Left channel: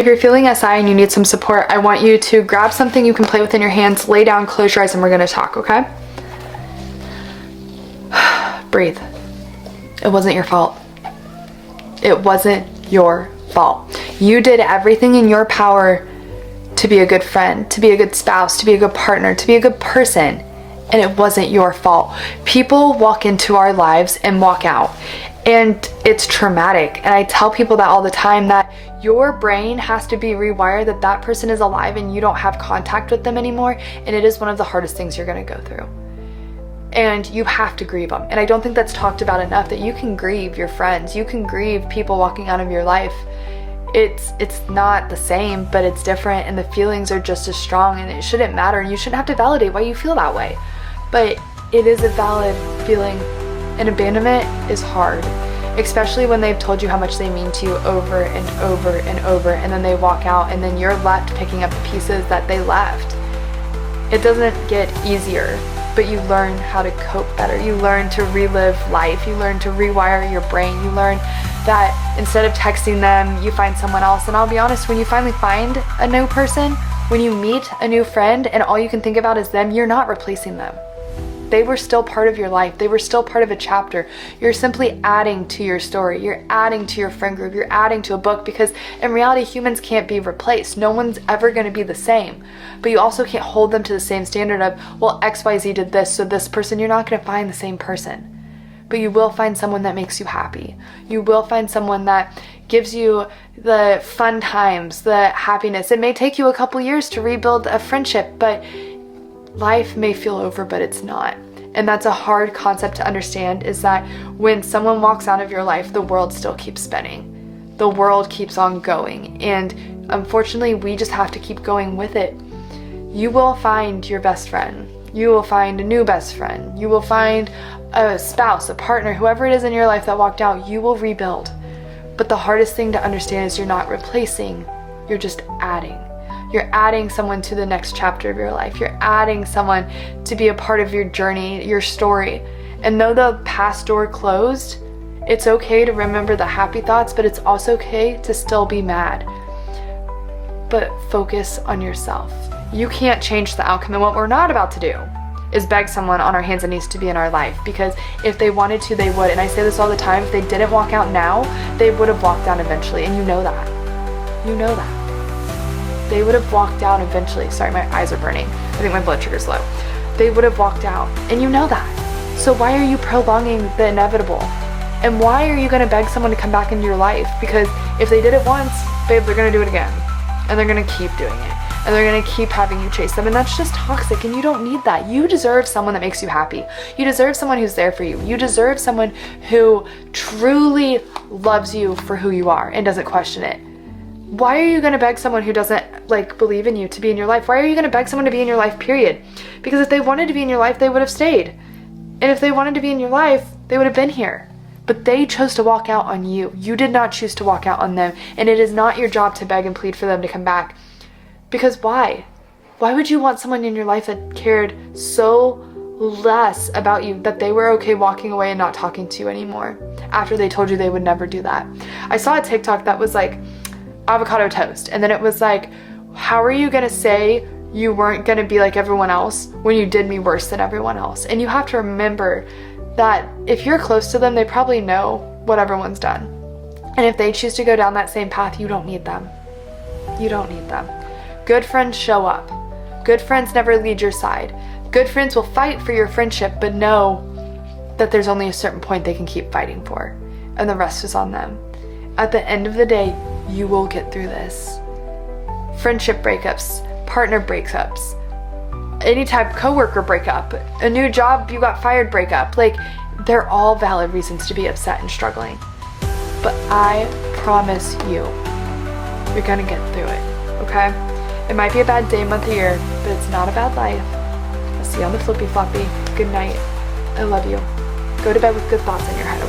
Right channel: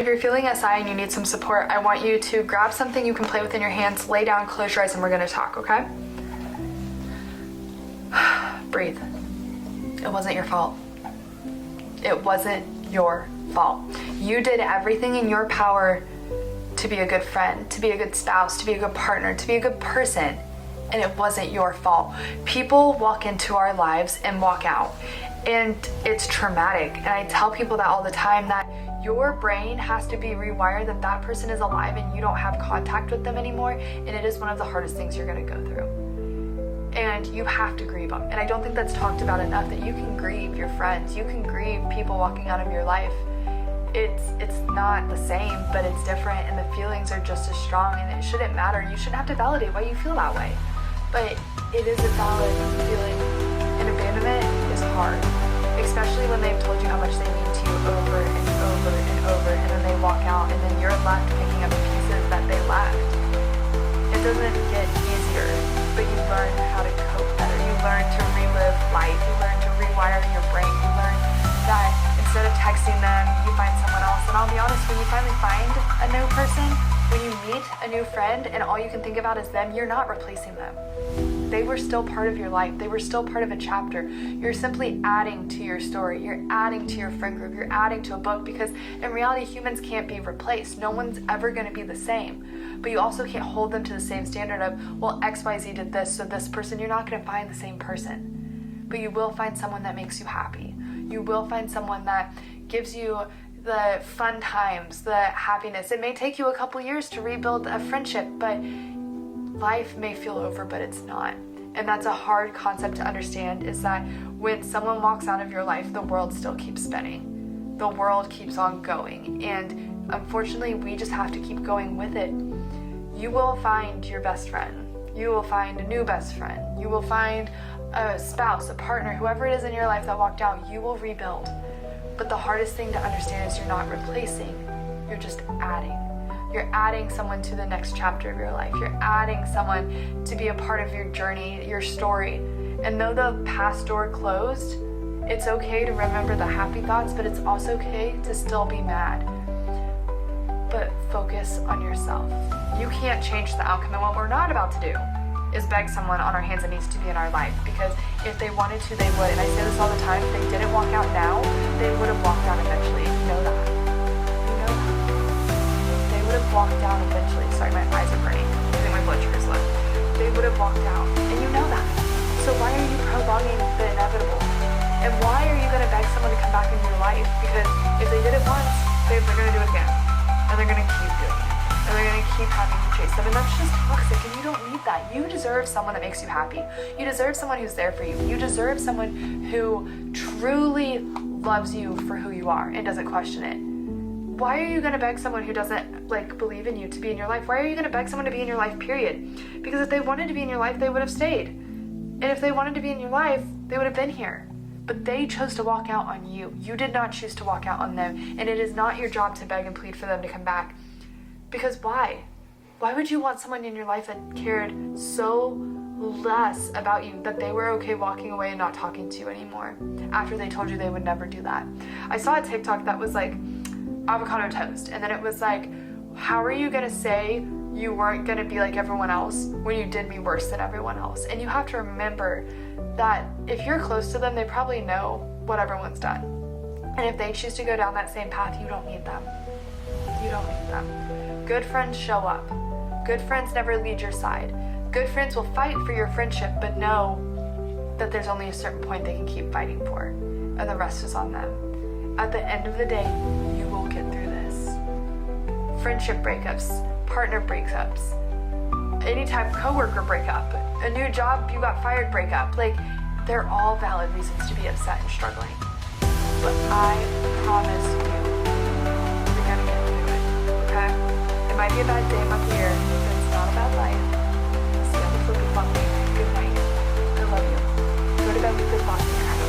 If you're feeling SI and you need some support, I want you to grab something you can play with in your hands, lay down, close your eyes, and we're gonna talk, okay? Breathe. It wasn't your fault. It wasn't your fault. You did everything in your power to be a good friend, to be a good spouse, to be a good partner, to be a good person, and it wasn't your fault. People walk into our lives and walk out, and it's traumatic. And I tell people that all the time, that your brain has to be rewired that that person is alive and you don't have contact with them anymore, and it is one of the hardest things you're gonna go through. And you have to grieve them. And I don't think that's talked about enough, that you can grieve your friends, you can grieve people walking out of your life. It's not the same, but it's different, and the feelings are just as strong, and it shouldn't matter, and you shouldn't have to validate why you feel that way. But it is a valid feeling, and abandonment is hard, especially when they've told you how much they mean to you over and over and over, and then they walk out, and then you're left picking up the pieces that they left. It doesn't get easier, but you learn how to cope better. You learn to relive life. You learn to rewire your brain. You learn that instead of texting them, you find someone else. And I'll be honest, when you finally find a new person, when you meet a new friend and all you can think about is them, you're not replacing them. They were still part of your life. They were still part of a chapter. You're simply adding to your story. You're adding to your friend group. You're adding to a book, because in reality, humans can't be replaced. No one's ever going to be the same. But you also can't hold them to the same standard of, well, XYZ did this, so this person, you're not going to find the same person. But you will find someone that makes you happy. You will find someone that gives you the fun times, the happiness. It may take you a couple years to rebuild a friendship, but life may feel over, but it's not. And that's a hard concept to understand, is that when someone walks out of your life, the world still keeps spinning. The world keeps on going. And unfortunately, we just have to keep going with it. You will find your best friend. You will find a new best friend. You will find a spouse, a partner, whoever it is in your life that walked out, you will rebuild. But the hardest thing to understand is you're not replacing, you're just adding. You're adding someone to the next chapter of your life. You're adding someone to be a part of your journey, your story. And though the past door closed, it's okay to remember the happy thoughts, but it's also okay to still be mad. But focus on yourself. You can't change the outcome, and what we're not about to do is beg someone on our hands and knees to be in our life, because if they wanted to, they would. And I say this all the time, if they didn't walk out now, they would have walked out eventually, and you know that. You know that. They would have walked out eventually. Sorry, my eyes are burning. I think my blood sugar's low. They would have walked out, and you know that. So why are you prolonging the inevitable? And why are you gonna beg someone to come back into your life? Because if they did it once, babe, they're gonna do it again. And they're gonna keep doing it. And they're gonna keep having you chase them, and that's just toxic, and you don't need that. You deserve someone that makes you happy. You deserve someone who's there for you. You deserve someone who truly loves you for who you are and doesn't question it. Why are you gonna beg someone who doesn't believe in you to be in your life? Why are you gonna beg someone to be in your life, period? Because if they wanted to be in your life, they would have stayed. And if they wanted to be in your life, they would have been here. But they chose to walk out on you. You did not choose to walk out on them, and it is not your job to beg and plead for them to come back. Because why? Why would you want someone in your life that cared so less about you that they were okay walking away and not talking to you anymore after they told you they would never do that? I saw a TikTok that was like avocado toast, and then it was like, how are you gonna say you weren't gonna be like everyone else when you did me worse than everyone else? And you have to remember that if you're close to them, they probably know what everyone's done. And if they choose to go down that same path, you don't need them. You don't need them. Good friends show up. Good friends never lead your side. Good friends will fight for your friendship, but know that there's only a certain point they can keep fighting for, and the rest is on them. At the end of the day, you will get through this. Friendship breakups, partner breakups, any type of coworker breakup, a new job, you got fired breakup, they're all valid reasons to be upset and struggling. But I promise you, you're gonna get through it, okay? It might be a bad day, month, or year, but it's not a bad life. I'll see you on the flippy floppy. Good night. I love you. Go to bed with good thoughts in your head.